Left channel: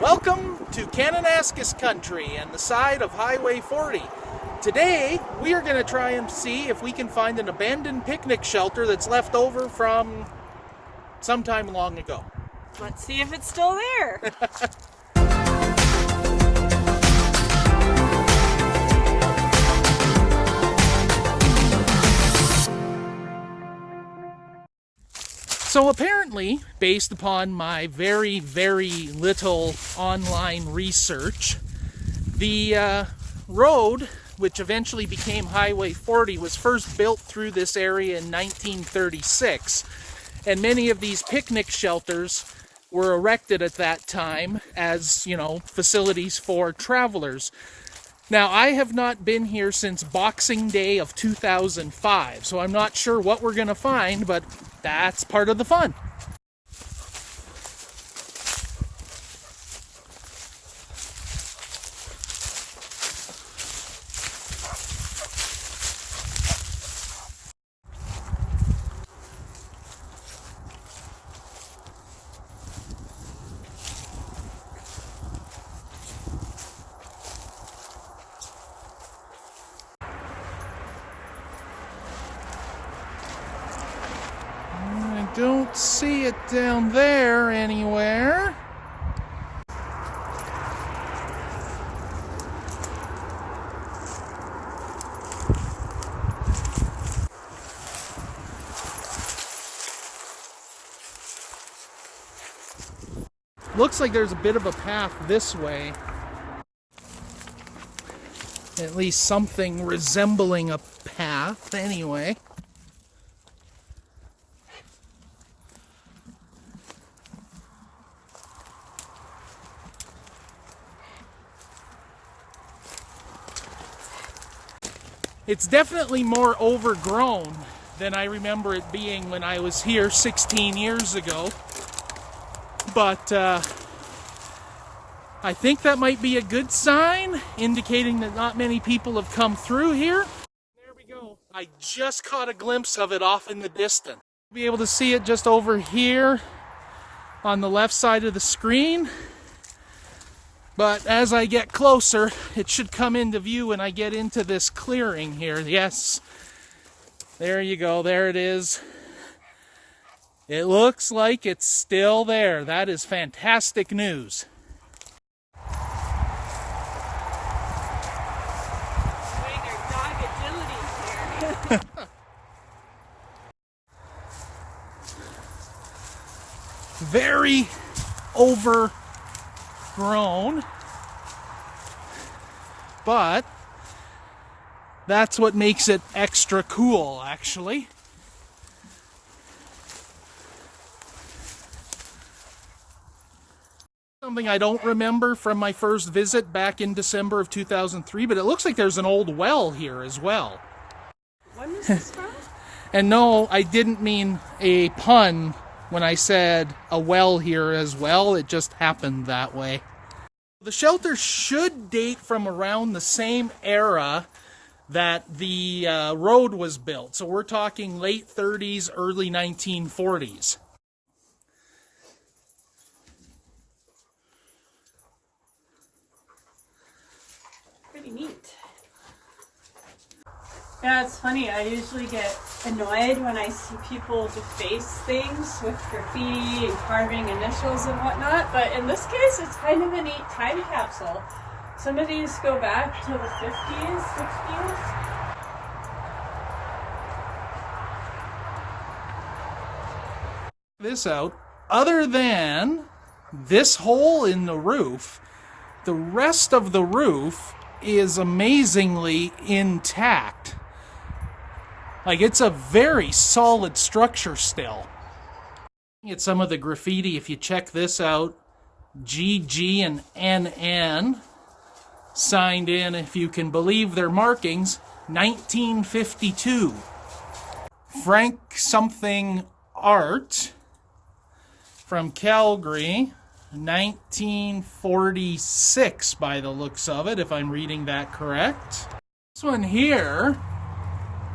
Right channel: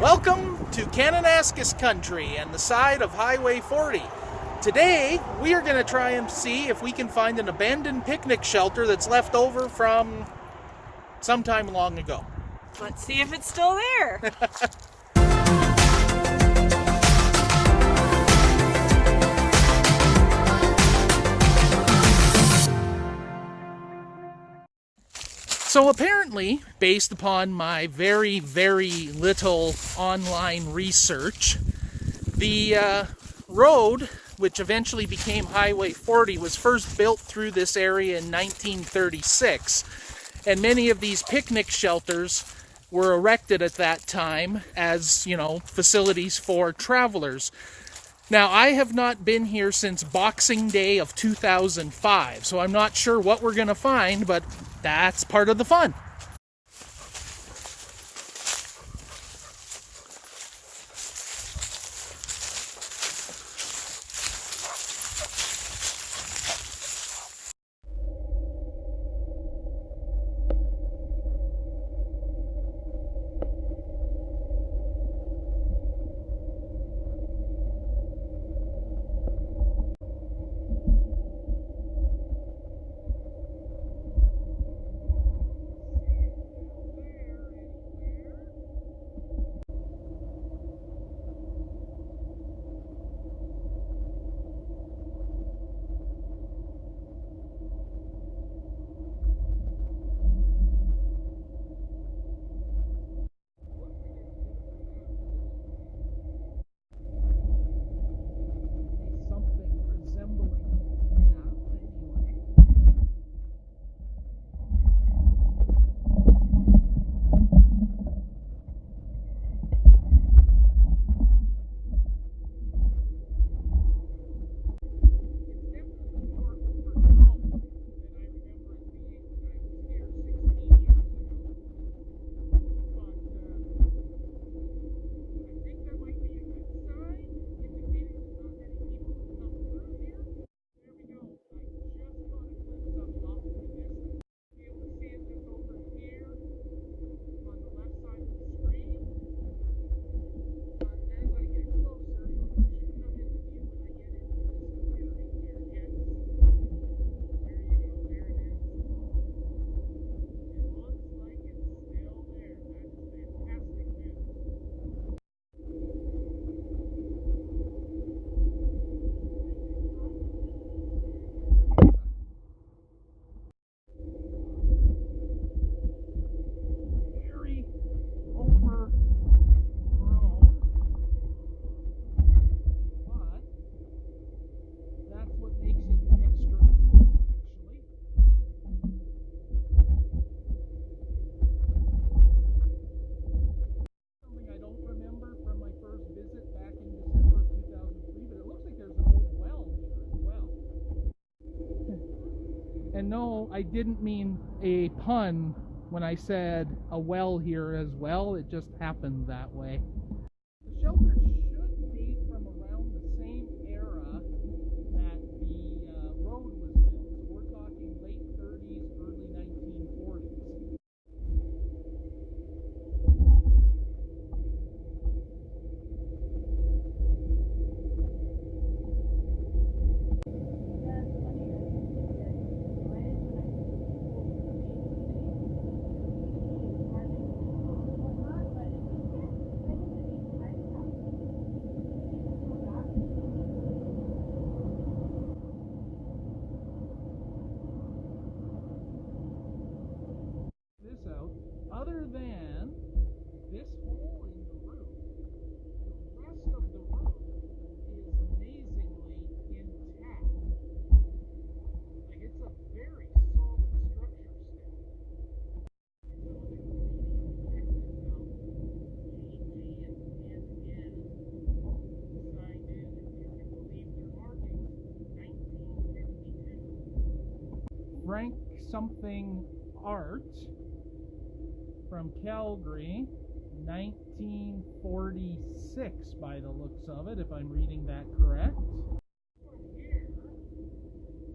Welcome to Kananaskis country and the side of Highway 40. Today, we are going to try and see if we can find an abandoned picnic shelter that's left over from sometime long ago. Let's see if it's still there. So apparently, based upon my very, very little online research, the road, which eventually became Highway 40, was first built through this area in 1936. And many of these picnic shelters were erected at that time as, facilities for travelers. Now, I have not been here since Boxing Day of 2005, so I'm not sure what we're going to find, but that's part of the fun. Don't see it down there anywhere. Looks like there's a bit of a path this way. At least something resembling a path anyway. It's definitely more overgrown than I remember it being when I was here 16 years ago. But I think that might be a good sign, indicating that not many people have come through here. There we go. I just caught a glimpse of it off in the distance. You'll be able to see it just over here on the left side of the screen. But as I get closer, it should come into view when I get into this clearing here. Yes, there you go, there it is. It looks like it's still there. That is fantastic news. Very overgrown, but that's what makes it extra cool, actually. Something I don't remember from my first visit back in December of 2003, but it looks like there's an old well here as well. When was this from? And no, I didn't mean a pun when I said a well here as well. It just happened that way. The shelter should date from around the same era that the road was built. So we're talking late 30s, early 1940s. Pretty neat. Yeah, it's funny. I usually get annoyed when I see people deface things with graffiti and carving initials and whatnot, but in this case, it's kind of a neat time capsule. Some of these go back to the 50s, 60s. This out, other than this hole in the roof, the rest of the roof is amazingly intact. Like, it's a very solid structure still. It's some of the graffiti. If you check this out, GG and NN signed in, if you can believe their markings, 1952. Frank something art from Calgary, 1946 by the looks of it, if I'm reading that correct. This one here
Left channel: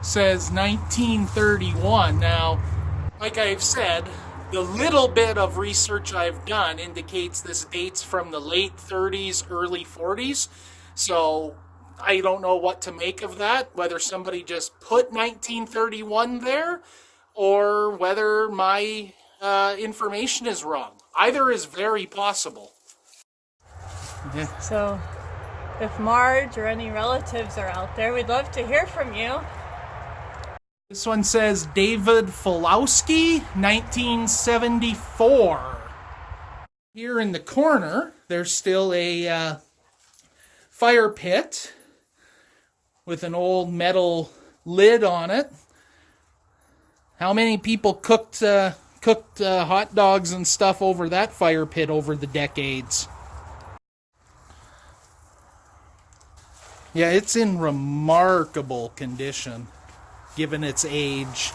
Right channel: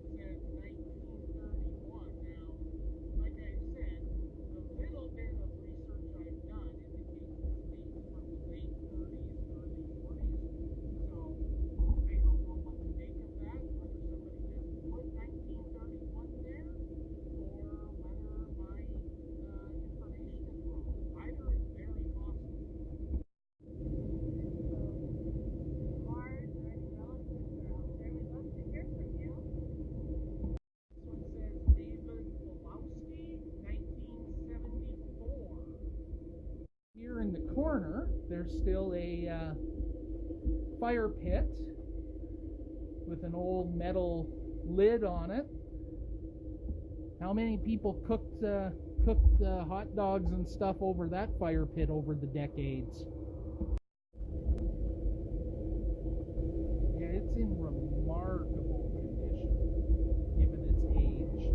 says 1931. Now, like I've said, The little bit of research I've done indicates this dates from the late 30s, early 40s. So I don't know what to make of that, whether somebody just put 1931 there or whether my information is wrong. Either is very possible. Yeah. So if Marge or any relatives are out there, we'd love to hear from you. This one says David Fulowski, 1974. Here in the corner, there's still a fire pit with an old metal lid on it. How many people cooked hot dogs and stuff over that fire pit over the decades? Yeah, it's in remarkable condition, given its age.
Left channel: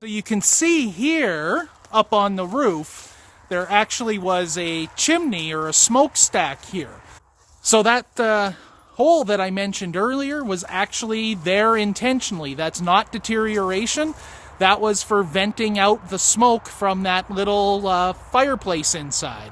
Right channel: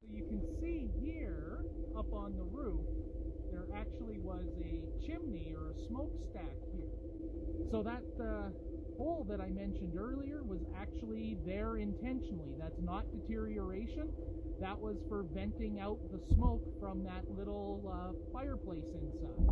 So you can see here, up on the roof, there actually was a chimney or a smokestack here. So that hole that I mentioned earlier was actually there intentionally. That's not deterioration. That was for venting out the smoke from that little fireplace inside.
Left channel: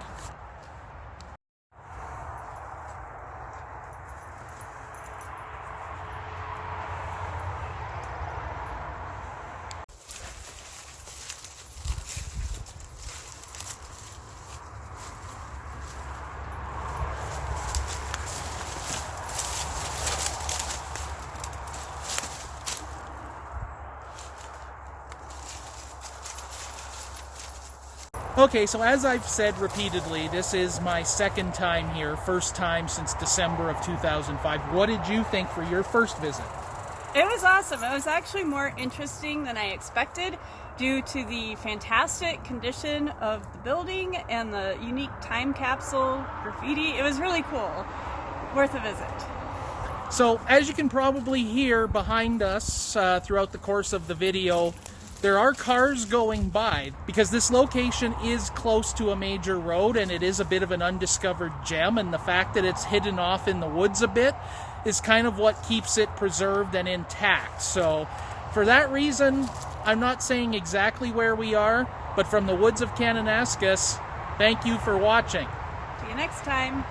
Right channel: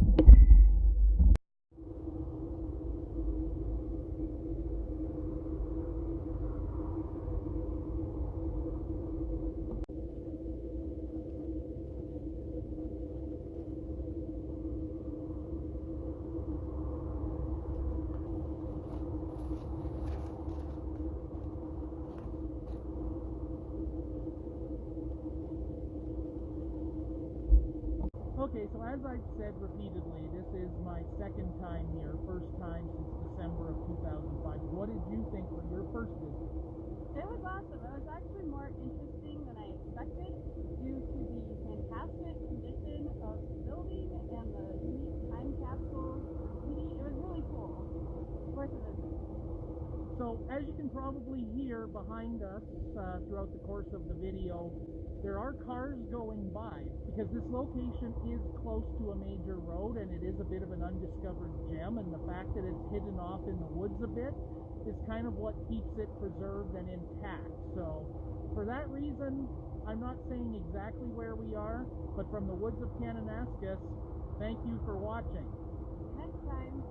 Okay, so as I've said repeatedly, this is my second time here, first time since December of 2005. What did you think for your first visit? It was awesome. It was actually more interesting than I expected due to the fantastic condition of the building and the unique time capsule graffiti. It was really cool. Worth a visit. So, as you can probably hear behind us throughout the course of the video, there are cars going by because this location is close to a major road and it is a bit of an undiscovered gem, and the fact that it's hidden off in the woods a bit is kind of what keeps it preserved and intact. So for that reason, I'm not saying exactly where we are, but from the woods of Kananaskis, thank you for watching. See you next time.